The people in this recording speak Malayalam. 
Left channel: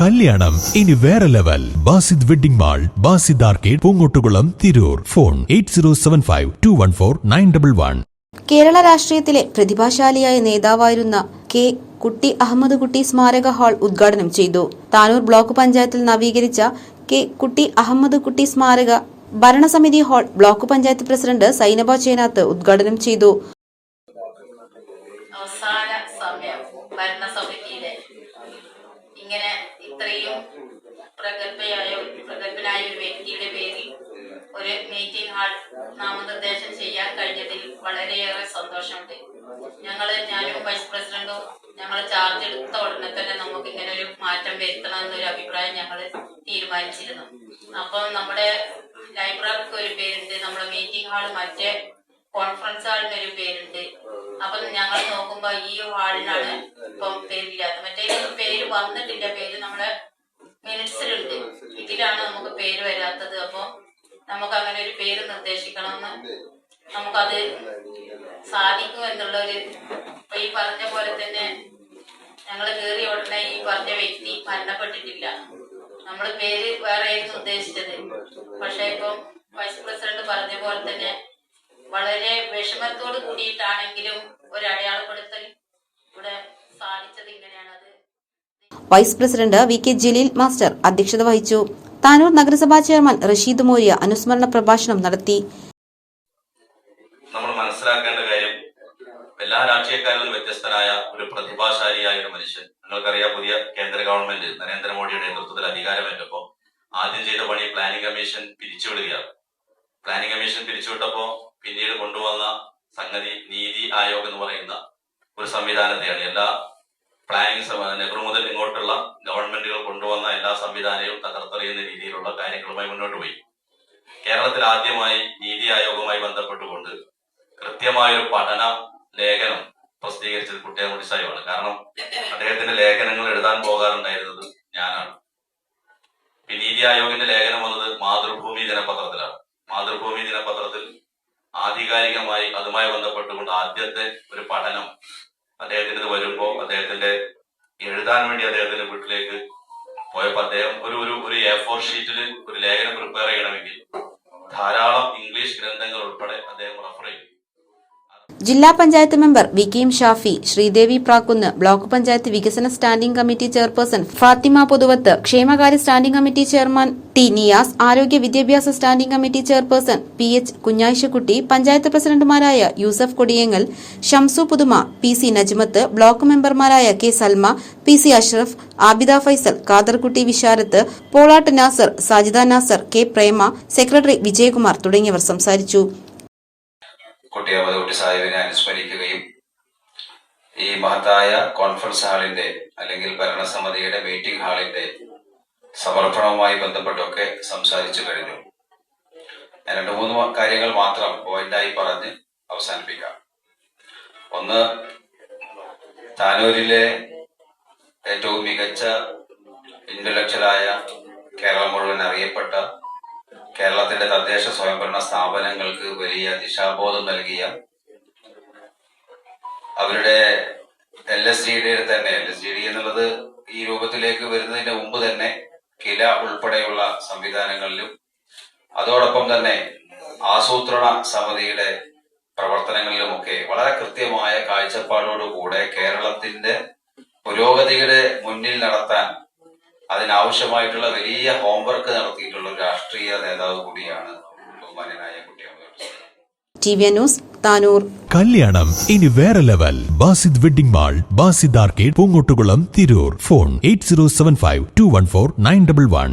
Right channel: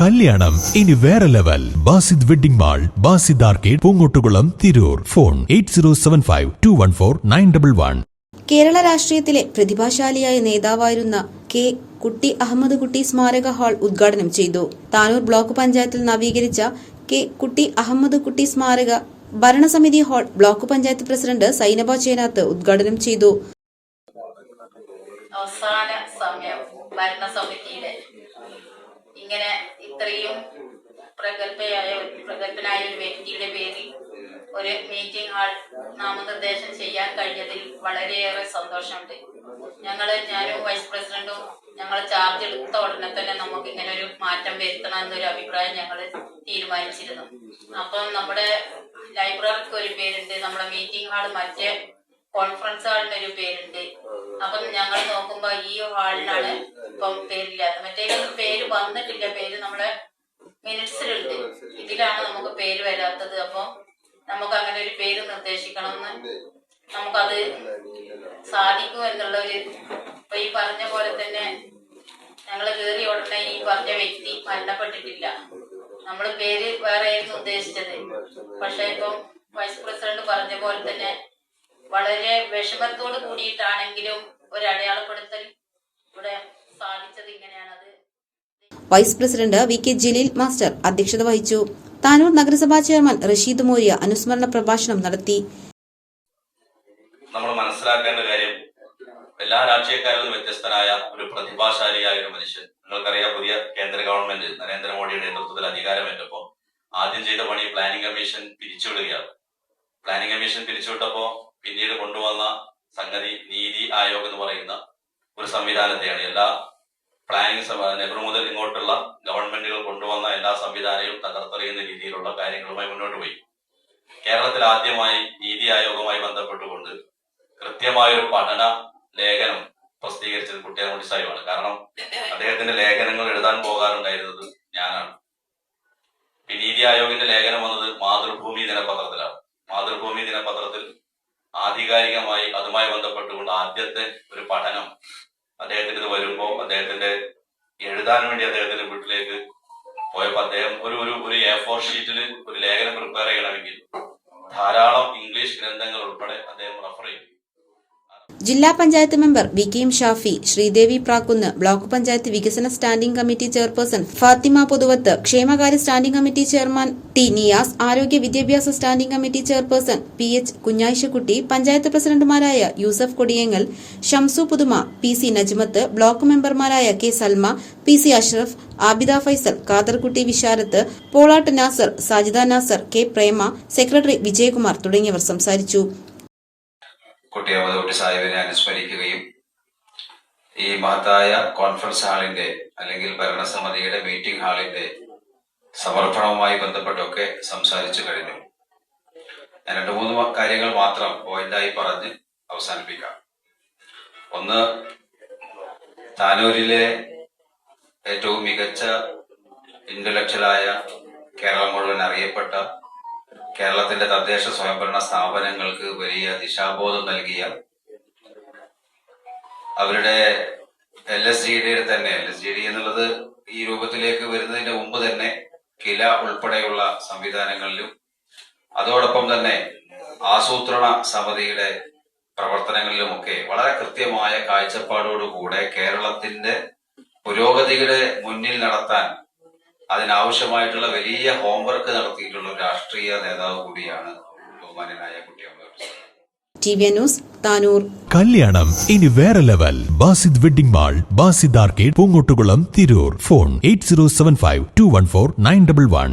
കല്യാണം. ഇനി വേറെ level. Basid wedding mall Basid arcade Poongottukulam Tirur. Phone eight zero seven five two one four nine double one. Kerala രാഷ്ട്രീയത്തിലെ പ്രതിഭാശാലിയായ നേതാവായിരുന്ന കെ കുട്ടി അഹമ്മദ് കുട്ടി സ്മാരക ഹാൾ ഉദ്ഘാടനം ചെയ്തു. താനൂർ ബ്ലോക്ക് പഞ്ചായത്തിൽ നവീകരിച്ച കെ കുട്ടി അഹമ്മദ് കുട്ടി സ്മാരക ഭരണസമിതി hall block panchayat president Sainaba Chenath ഉദ്ഘാടനം ചെയ്തു. ഇത്രയും പ്രഗത്ഭയായ പ്രഗത്ഭനായ ഒരു വ്യക്തിയുടെ പേരിൽ ഒരു മീറ്റിംഗ് ഹാൾ നാമനിർദ്ദേശം ചെയ്യാൻ കഴിഞ്ഞതിൽ വളരെയേറെ സന്തോഷമുണ്ട്. ഞങ്ങൾ ഞാനും വൈസ് പ്രസിഡന്റും ഞങ്ങൾ ചാർജ് എടുത്ത ഉടനെ തന്നെ നമുക്ക് ഇങ്ങനെ ഒരു മാറ്റം വരുത്തണം എന്നൊരു അഭിപ്രായം ഞങ്ങൾ തീരുമാനിച്ചിരുന്നു. അപ്പം നമ്മുടെ ലൈബ്രറിക്ക് ഒരു പേരുണ്ട് നമ്മുടെ മീറ്റിംഗ് ഹാൾ മറ്റേ കോൺഫറൻസ് ഹാളിന് ഒരു പേരുണ്ട്. അപ്പം ഞങ്ങൾ നോക്കുമ്പോ ഈ ഹാളിനാണ് ഇപ്പം പേരില്ലാത്ത മറ്റേ പേര് വന്നിട്ടില്ല. പേര് നമ്മളെ മിനിറ്റ്സിലുണ്ട്. ഇതിലാണ് നമുക്ക് പേര് വരാത്തത്. അപ്പൊ നമുക്ക് അങ്ങനെ ഒരു പേര് നിർദ്ദേശിക്കണമെന്ന് നമുക്കത് സാധിക്കും എന്നുള്ള ഒരു ഇപ്പൊ ഈ പറഞ്ഞ പോലെ തന്നെ ഞങ്ങൾ കയറിയ ഉടനെ ഈ പറഞ്ഞ വ്യക്തി മരണപ്പെട്ടിട്ടില്ല. നമ്മൾ പേര് വേറെ ആയിരുന്നു ഉദ്ദേശിച്ചത്. പക്ഷെ ഇപ്പം വൈസ് പ്രസിഡന്റ് പറഞ്ഞ പോലെ തന്നെ വളരെ വിഷമത്തോട് കൂടിയിട്ടാണെങ്കിലും ഒരു അടയാളപ്പെടുത്തൽ ഇവിടെ സാധിച്ചത് ഇങ്ങനെയാണത്. Vice president V K Jaleel master അധ്യക്ഷത വഹിച്ചു. താനൂർ നഗരസഭാ ചെയർമാൻ റഷീദ് മോര്യ അനുസ്മരണ പ്രഭാഷണം നടത്തി. നമ്മൾ മനസ്സിലാക്കേണ്ട കാര്യം എല്ലാ രാഷ്ട്രീയക്കാരിലും വ്യത്യസ്തനായ ഒരു പ്രതിഭാശാലിയായ ഒരു മനുഷ്യൻ. നിങ്ങൾക്കറിയാം പുതിയ കേന്ദ്ര ഗവൺമെന്റ് നരേന്ദ്രമോദിയുടെ നേതൃത്വത്തിൽ അധികാരമേറ്റപ്പോ ആദ്യം ചെയ്ത പണി പ്ലാനിംഗ് കമ്മീഷൻ പിരിച്ചുവിടുകയാണ്. പ്ലാനിംഗ് കമ്മീഷൻ പിരിച്ചുവിട്ടപ്പോ പിന്നീട് എല്ലാ പ്ലാനിങ്സ് നെഹ്റു മുതൽ ഇങ്ങോട്ടുള്ള ഗവൺമെന്റുകൾ കൊണ്ടുവന്ന എല്ലാ സംവിധാനവും തകർത്തെറിയുന്ന രീതിയിലുള്ള കാര്യങ്ങളുമായി മുന്നോട്ട് പോയി. കേരളത്തിൽ ആദ്യമായി നീതി ആയോഗവുമായി ബന്ധപ്പെട്ടുകൊണ്ട് കൃത്യമായൊരു പഠന ലേഖനം പ്രസിദ്ധീകരിച്ചത് കുട്ടിയെ സാഹിബാണ്. കാരണം അദ്ദേഹത്തിന്റെ ലേഖനങ്ങൾ എഴുതാൻ പോകാറുണ്ടായിരുന്നത് ഞാനാണ്. നീതി ആയോഗിന്റെ ലേഖനം വന്നത് മാതൃഭൂമി ദിനപത്രത്തിലാണ്. മാതൃഭൂമി ദിനപത്രത്തിൽ ആധികാരികമായി അതുമായി ബന്ധപ്പെട്ടുകൊണ്ട് ആദ്യത്തെ ഒരു പഠനം അദ്ദേഹത്തിന് ഇത് വരുമ്പോ അദ്ദേഹത്തിന്റെ എഴുതാൻ വേണ്ടി അദ്ദേഹത്തിന്റെ വീട്ടിലേക്ക് പോയപ്പോ അദ്ദേഹം ഒരു ഒരു ഒരു എ ഫോർ ഷീറ്റിൽ ഒരു ലേഖനം പ്രിപ്പയർ ചെയ്യണമെങ്കിൽ ധാരാളം ജില്ലാ panchayat member V K M Shafi Sreedevi Prakkunnu block panchayat വികസന standing committee chairperson Fathima Pothuvath ക്ഷേമകാര്യ standing committee chairman T Niyas ആരോഗ്യ വിദ്യാഭ്യാസ standing committee chairperson P H Kunjazhchakutty panchayat പ്രസിഡന്റുമാരായ Yusuf Kodiyangal Shamsu Puthuma P C Najmath block മെമ്പർമാരായ K Salma P C Ashraf Abida Faisal Khaderkutty Visharath Polatt Nasar Sajida Nasar K Prema secretary Vijayakumar തുടങ്ങിയവർ സംസാരിച്ചു. കുട്ടിയാമതോട്ടി സാഹിബിനെ അനുസ്മരിക്കുകയും ഈ മഹത്തായ കോൺഫറൻസ് ഹാളിന്റെ അല്ലെങ്കിൽ ഭരണസമിതിയുടെ മീറ്റിംഗ് ഹാളിന്റെ സമർപ്പണവുമായി ബന്ധപ്പെട്ടൊക്കെ സംസാരിച്ചു കഴിഞ്ഞു. ഞാൻ രണ്ട് മൂന്ന് കാര്യങ്ങൾ മാത്രം പോയിന്റായി പറഞ്ഞ് അവസാനിപ്പിക്കാം. ഒന്ന് താനൂരിലെ ഏറ്റവും മികച്ച ഇന്റലക്ച്വലായ കേരളം മുഴുവൻ അറിയപ്പെട്ട കേരളത്തിന്റെ തദ്ദേശ സ്വയംഭരണ സ്ഥാപനങ്ങൾക്ക് വലിയ ദിശാബോധം നൽകിയ അവരുടെ എൽ എസ് ജി ഡിയുടെ തന്നെ എൽ എസ് ജി ഡി എന്നുള്ളത് ഈ രൂപത്തിലേക്ക് വരുന്നതിന് മുമ്പ് തന്നെ കില ഉൾപ്പെടെയുള്ള സംവിധാനങ്ങളിലും അതോടൊപ്പം തന്നെ ആസൂത്രണ സമിതിയുടെ പ്രവർത്തനങ്ങളിലുമൊക്കെ വളരെ കൃത്യമായ കാഴ്ചപ്പാടോടുകൂടെ കേരളത്തിന്റെ പുരോഗതിയുടെ മുന്നിൽ നടത്താൻ അതിനാവശ്യമായിട്ടുള്ള വലിയ ഹോംവർക്ക് നടത്തിയിട്ടുള്ള ഒരു രാഷ്ട്രീയ നേതാവ് കൂടിയാണ് ബഹുമാനായ Kuttiyamma T V News Tanur. കല്യാണം ഇനി വേറെ level Basid wedding mall Basid arcade Poongottukulam Tirur. Phone eight zero seven five two one four nine double one.